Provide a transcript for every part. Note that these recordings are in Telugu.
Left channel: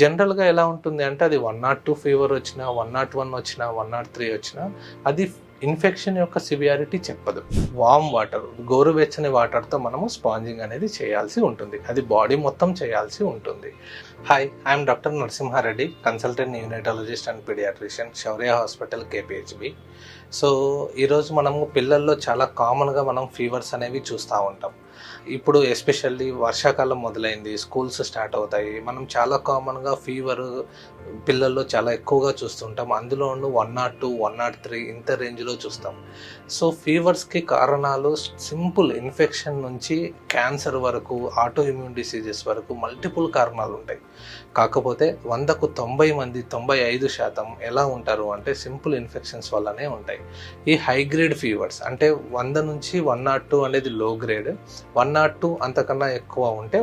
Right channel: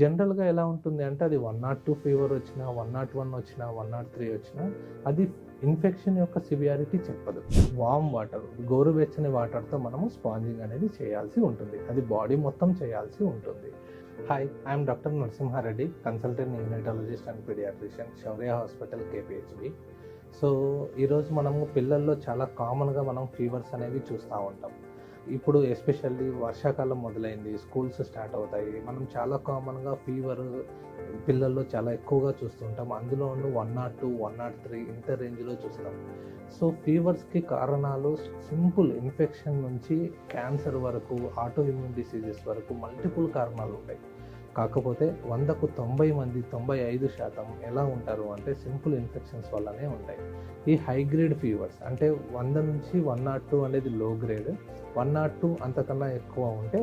జనరల్‌గా ఎలా ఉంటుంది అంటే అది 102 ఫీవర్ వచ్చినా, 101 వచ్చినా, 103 వచ్చినా అది ఇన్ఫెక్షన్ యొక్క సివియారిటీ చెప్పదు. వార్మ్ వాటర్, గోరువెచ్చని వాటర్‌తో మనము స్పాంజింగ్ అనేది చేయాల్సి ఉంటుంది. అది బాడీ మొత్తం చేయాల్సి ఉంటుంది. Hi, I'm doctor Narasimha Reddy, consultant neonatologist and paediatrician, Shaurya hospital, KPHB. So, ఈరోజు మనము పిల్లల్లో చాలా కామన్‌గా మనం ఫీవర్స్ అనేవి చూస్తూ ఉంటాం. ఇప్పుడు ఎస్పెషల్లీ వర్షాకాలం మొదలైంది, స్కూల్స్ స్టార్ట్ అవుతాయి. మనం చాలా కామన్‌గా ఫీవరు పిల్లల్లో చాలా ఎక్కువగా చూస్తుంటాం. అందులోనూ 102, 103 ఇంత రేంజ్‌లో చూస్తాం. సో, ఫీవర్స్‌కి కారణాలు సింపుల్ ఇన్ఫెక్షన్ నుంచి క్యాన్సర్ వరకు, ఆటో ఇమ్యూన్ డిసీజెస్ వరకు మల్టిపుల్ కారణాలు ఉంటాయి. కాకపోతే 100కు 90 మంది, 95% ఎలా ఉంటారు అంటే సింపుల్ ఇన్ఫెక్షన్స్ వల్లనే ఉంటాయి. ఈ హై గ్రేడ్ ఫీవర్స్ అంటే 100 నుంచి 102 అనేది లో గ్రేడ్, 102 అంతకన్నా ఎక్కువ ఉంటే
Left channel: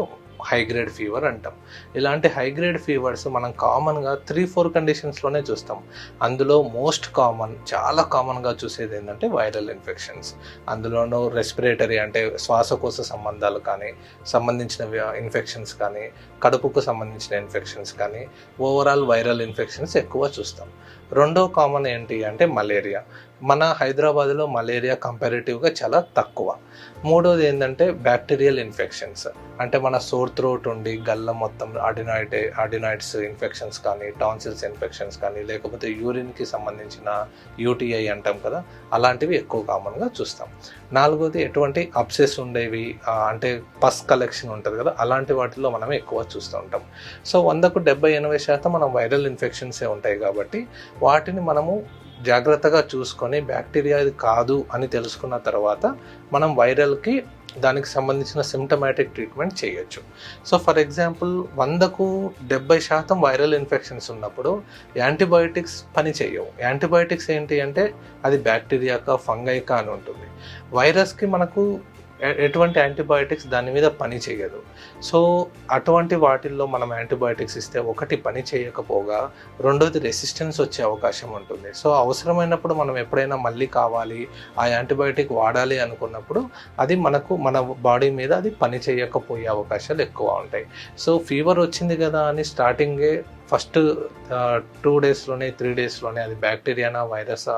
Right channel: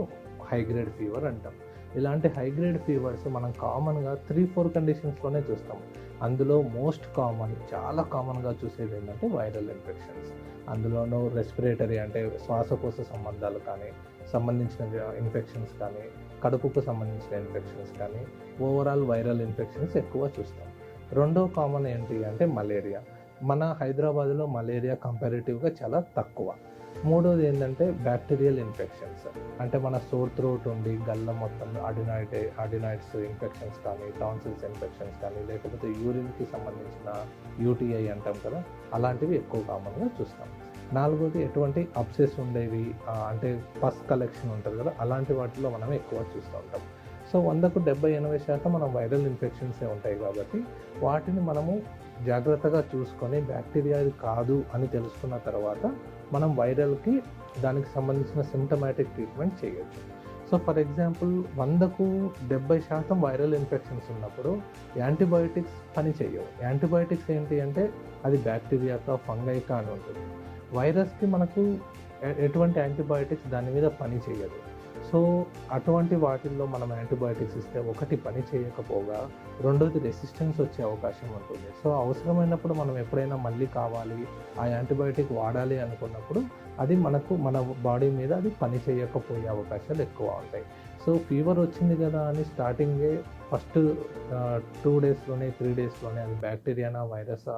హై గ్రేడ్ ఫీవర్ అంటాం. ఇలాంటి హై గ్రేడ్ ఫీవర్స్ మనం కామన్‌గా 3-4 కండిషన్స్‌లోనే చూస్తాం. అందులో మోస్ట్ కామన్, చాలా కామన్‌గా చూసేది ఏంటంటే వైరల్ ఇన్ఫెక్షన్స్. అందులోనూ రెస్పిరేటరీ అంటే శ్వాసకోశ సంబంధించిన ఇన్ఫెక్షన్స్ కానీ, కడుపుకు సంబంధించిన ఇన్ఫెక్షన్స్ కానీ, ఓవరాల్ వైరల్ ఇన్ఫెక్షన్స్ ఎక్కువ చూస్తాం. రెండో కామన్ ఏంటి అంటే మలేరియా. మన హైదరాబాద్‌లో మలేరియా కంపారిటివ్‌గా చాలా తక్కువ. మూడోది ఏంటంటే బ్యాక్టీరియల్ ఇన్ఫెక్షన్స్. అంటే మన సోర్ థ్రోట్ ఉండి గల్ల మొత్తం అడినాయిడ్స్ ఇన్ఫెక్షన్స్ కానీ, టాన్సిల్స్ ఇన్ఫెక్షన్స్ కానీ, లేకపోతే యూరిన్‌కి సంబంధించిన యూటీఐ అంటాం కదా, అలాంటివి ఎక్కువ కామన్‌గా చూస్తాం. నాలుగోది ఎటువంటి అబ్సెస్ ఉండేవి, అంటే పస్ కలెక్షన్ ఉంటుంది కదా, అలాంటి వాటిల్లో మనం ఎక్కువ చూస్తూ ఉంటాం. సో 100కు 70-80% మనం వైరల్ ఇన్ఫెక్షన్సే ఉంటాయి కాబట్టి వాటిని మనము జాగ్రత్తగా చూసుకొని బ్యాక్టీరియా ఇది కాదు అని తెలుసుకున్న తర్వాత మనం వైరల్కి దానికి సంబంధించిన సిమ్టమాటిక్ ట్రీట్మెంట్ చేయొచ్చు. సో ఫర్ ఎగ్జాంపుల్ 100కు 70% వైరల్ ఇన్ఫెక్షన్స్ ఉన్నప్పుడు యాంటీబయోటిక్స్ పని చేయవు. యాంటీబయోటిక్స్ ఏంటి అంటే అది బ్యాక్టీరియాకా, ఫంగైకా అని ఉంటుంది. వైరస్కి మనకు ఎటువంటి యాంటీబయోటిక్స్ దాని మీద పని చేయదు. సో అటువంటి వాటిల్లో మనం యాంటీబయోటిక్స్ ఇస్తే ఒకటి పని చేయకపోగా రెండోది రెసిస్టెన్స్ వచ్చే అవకాశం ఉంటుంది. సో అవసరమైనప్పుడు మనం ఎప్పుడైనా మళ్ళీ కావాలి, ఆ యాంటీబయోటిక్ వాడాలి అనుకున్నప్పుడు అది మన బాడీ మీద అది పని చేయకపోయే అవకాశాలు ఎక్కువ ఉంటాయి. సో ఫీవర్ వచ్చింది కదా అని స్టార్టింగే ఫస్ట్ 2 డేస్లోనే 3 డేస్లోనే అది బ్యాక్టీరియానా, వైరసా,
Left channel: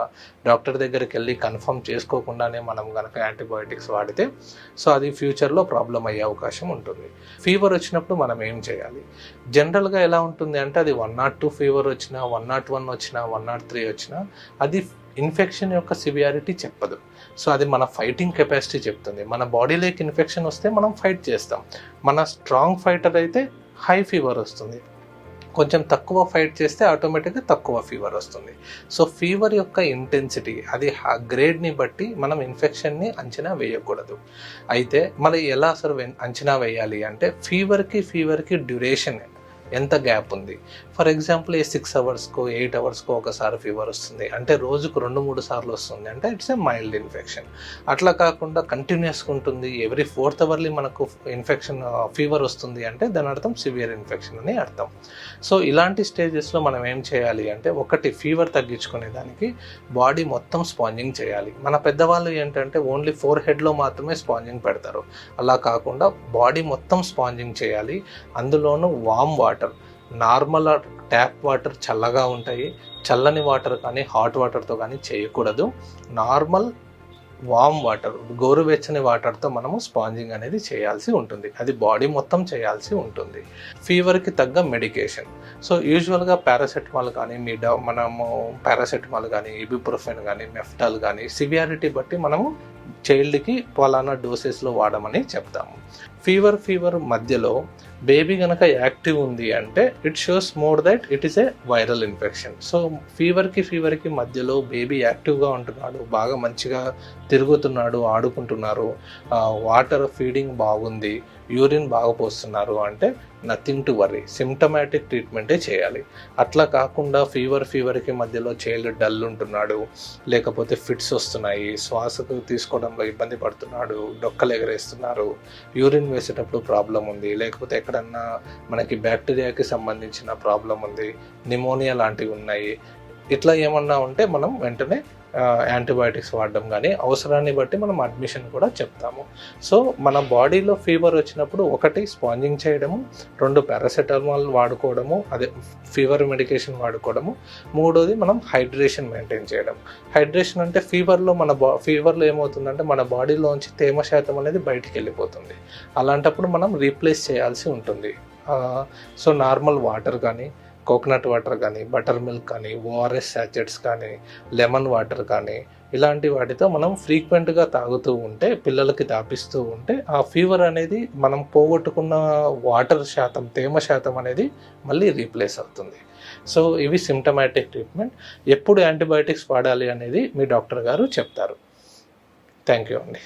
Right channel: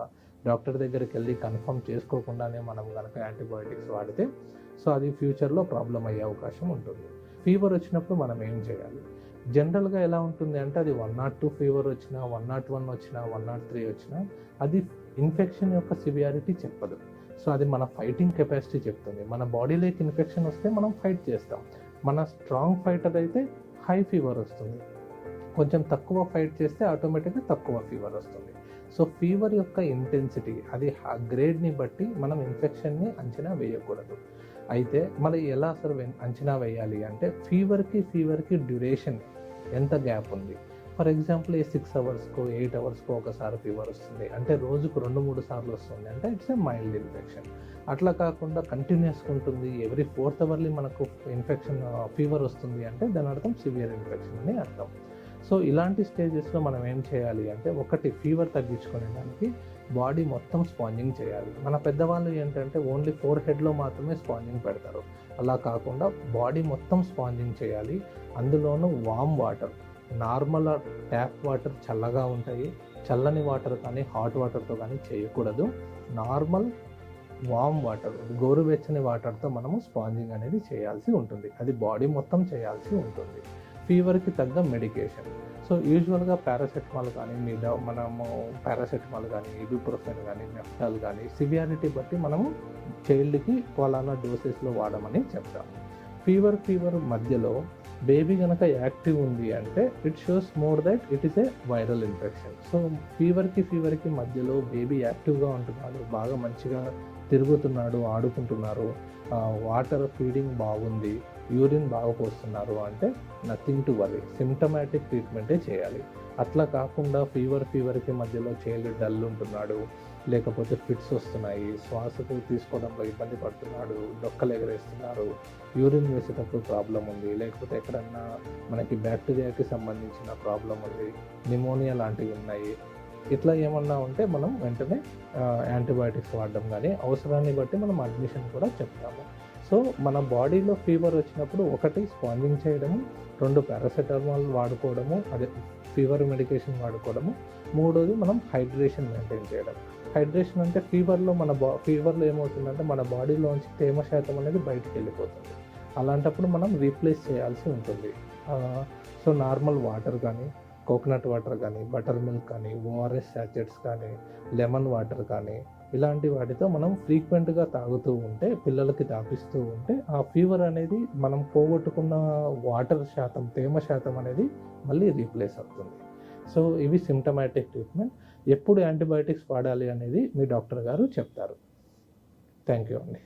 డాక్టర్ దగ్గరికి వెళ్ళి కన్ఫర్మ్ చేసుకోకుండానే మనం కనుక యాంటీబయోటిక్స్ వాడితే సో అది ఫ్యూచర్లో ప్రాబ్లం అయ్యే అవకాశం ఉంటుంది. ఫీవర్ వచ్చినప్పుడు మనం ఏం చేయాలి? జనరల్గా ఎలా ఉంటుంది అంటే అది 102 ఫీవర్ వచ్చినా, 101 వచ్చినా, 103 వచ్చినా అది ఇన్ఫెక్షన్ యొక్క సివియారిటీ చెప్పదు. సో అది మన ఫైటింగ్ కెపాసిటీ చెప్తుంది. మన బాడీలోకి ఇన్ఫెక్షన్ వస్తే మనం ఫైట్ చేస్తాం. మన స్ట్రాంగ్ ఫైటర్ అయితే హై ఫీవర్ వస్తుంది. కొంచెం తక్కువ ఫైట్ చేస్తే ఆటోమేటిక్గా తక్కువ ఫీవర్ వస్తుంది. సో ఫీవర్ యొక్క ఇంటెన్సిటీ అది గ్రేడ్ని బట్టి మనం ఇన్ఫెక్షన్ని అంచనా వేయకూడదు. అయితే మరి ఎలా అసలు అంచనా వేయాలి అంటే ఫీవర్కి డ్యూరేషన్ ఎంత గ్యాప్ ఉంది. ఫర్ ఎగ్జాంపుల్ 6 అవర్స్కో 8 అవర్స్కో ఒకసారి ఫీవర్ వస్తుంది అంటే రోజుకు 2-3 సార్లు వస్తుంది అంటే ఇట్స్ ఏ మైల్డ్ ఇన్ఫెక్షన్. అట్లా కాకుండా కంటిన్యూస్గా ఉంటుంది, ఎవ్రీ 4th అవర్లీ మనకు ఫీవర్ వస్తుంది అంటే దాని అర్థం సివియర్ ఇన్ఫెక్షన్ అని అర్థం. సో ఇలాంటి స్టేజెస్లో మనం ఏం చేయాలి అంటే ఒకటి ఫీవర్ తగ్గించుకునేదానికి బాడీ మొత్తం స్పాంజింగ్ చేయాలి. మన పెద్దవాళ్ళు ఏంటంటే ఓన్లీ ఫోర్ హెడ్లో మాత్రమే స్పాంజింగ్ పెడతారు. అలా కాకుండా బాడీ మొత్తం స్పాంజింగ్ చేయాలి. అందులోనూ warm water, normal tap water చల్లగా ఉంటాయి, చల్లని వాటర్ కానీ హాట్ వాటర్తో కానీ చేయకూడదు. నార్మల్ వామ్ వాటర్, గోరువెచ్చని వాటర్తో మనము స్పాంజింగ్ అనేది చేయాల్సి ఉంటుంది. అది బాడీ మొత్తం చేయాల్సి ఉంటుంది. ఫీవర్కి తగ్గ మెడికేషన్, సో యూజువల్గా పారాసెటమాల్ కానీ మనము పారాసెటమాల్ కానీ, ఇబుప్రోఫెన్ కానీ, మెఫ్టాల్ కానీ సివియారిటీ బట్టి మనము చైల్డ్కి పలానా డోసెస్లో వాడమని చెప్తాము. ఫీవర్ మధ్యలో బేబీ కనుక యాక్టివ్ ఉంది అంటే it shows more that it is a viral infection. So ఫీవర్కి మధ్యలో బేబీ యాక్టివ్గా ఉంటున్నాడు, బాగా మంచిగా తిరుగుతున్నాడు, ఆడుకుంటున్నారు, వాటర్ ఫీడింగ్ బాగుంది, యూరిన్ బాగా పోస్తున్నారు అంటే నథింగ్ టు వర్రీ, సిమ్టమాటిక్ ట్రీట్మెంటే చేయాలి. అట్లా కాకుండా ఫీవర్కి మధ్యలో చైల్డ్ డల్ ఉంటున్నాడు, లేకపోతే ఫిట్స్ వస్తున్నాయి, శ్వాసకు తీసుకోవడంలో ఇబ్బంది పడుతున్నాడు, డొక్కలు ఎగరేస్తున్నారు, యూరిన్ వేసేటప్పుడు ప్రాబ్లం ఉంది, లేకపోతే ఎక్కడన్నా మనకి బ్యాక్టీరియాకి సంబంధించిన ప్రాబ్లం ఉంది, నిమోనియా లాంటివి ఉన్నాయి, ఇట్లా ఏమన్నా ఉంటే మనం వెంటనే యాంటీబయాటిక్స్ వాడడం కానీ అవసరాన్ని బట్టి మనం అడ్మిషన్ కూడా చెప్తాము. సో మన బాడీలో ఫీవర్ వచ్చినప్పుడు ఒకటి స్పాంజింగ్ చేయడము, 2 పారాసెటమాల్ వాడుకోవడము, అదే ఫీవర్ మెడికేషన్ వాడుకోవడము, 3వది మనం హైడ్రేషన్ మెయింటైన్ చేయడం. హైడ్రేషన్ అంటే ఫీవర్లో ఏమవుతుందంటే మన బాడీలోంచి తేమ శాతం అనేది బయటికి వెళ్ళిపోతుంది. అలాంటప్పుడు మనం రీప్లేస్ చేయాల్సి ఉంటుంది. సో నార్మల్ వాటర్ కానీ, కోకోనట్ వాటర్ కానీ, బటర్ మిల్క్ కానీ, ఓఆర్ఎస్ శాచెట్స్ కానీ, లెమన్ వాటర్ కానీ ఇలాంటి వాటితో మనం ఫ్రీక్వెంట్గా తాగుతూ ఉంటే, పిల్లలకి తాపిస్తూ ఉంటే ఆ ఫీవర్ అనేది మనం పోగొట్టుకున్న వాటర్ శాతం, తేమ శాతం అనేది మళ్ళీ రీప్లేస్ అవుతుంది. సో ఇవి సిమ్టమాటిక్ ట్రీట్మెంట్. ఎప్పుడు యాంటీబయాటిక్స్ వాడాలి అనేది మీ డాక్టర్ గారు చెప్తారు. థ్యాంక్ యూ అండి.